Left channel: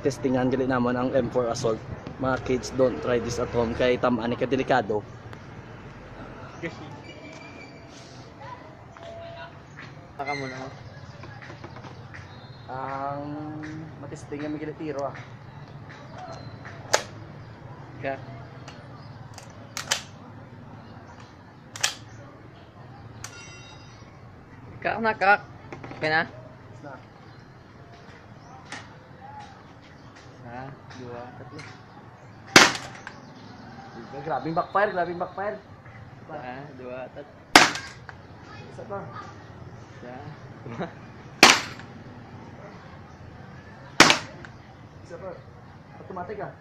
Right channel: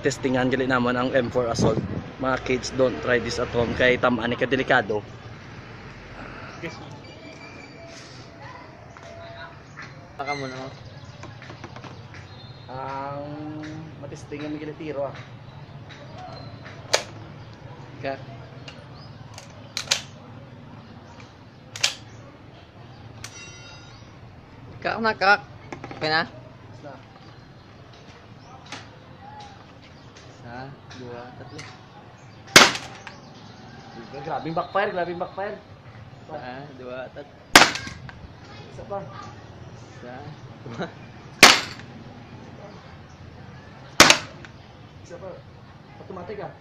testingan gali naman ang M4 Assault. Mga kids, don't try this at home kay tamaan ka delikado. Baka mo na. Ang matestingan gali tiro ah. Ka. Kak na kak. Okay na? Na. Isa, dua, tatlo. Grabing backfire, grabing backfire. Isa, dua, tatlo. Isa pa. Isa, dua. Isa pa. Automatic ah.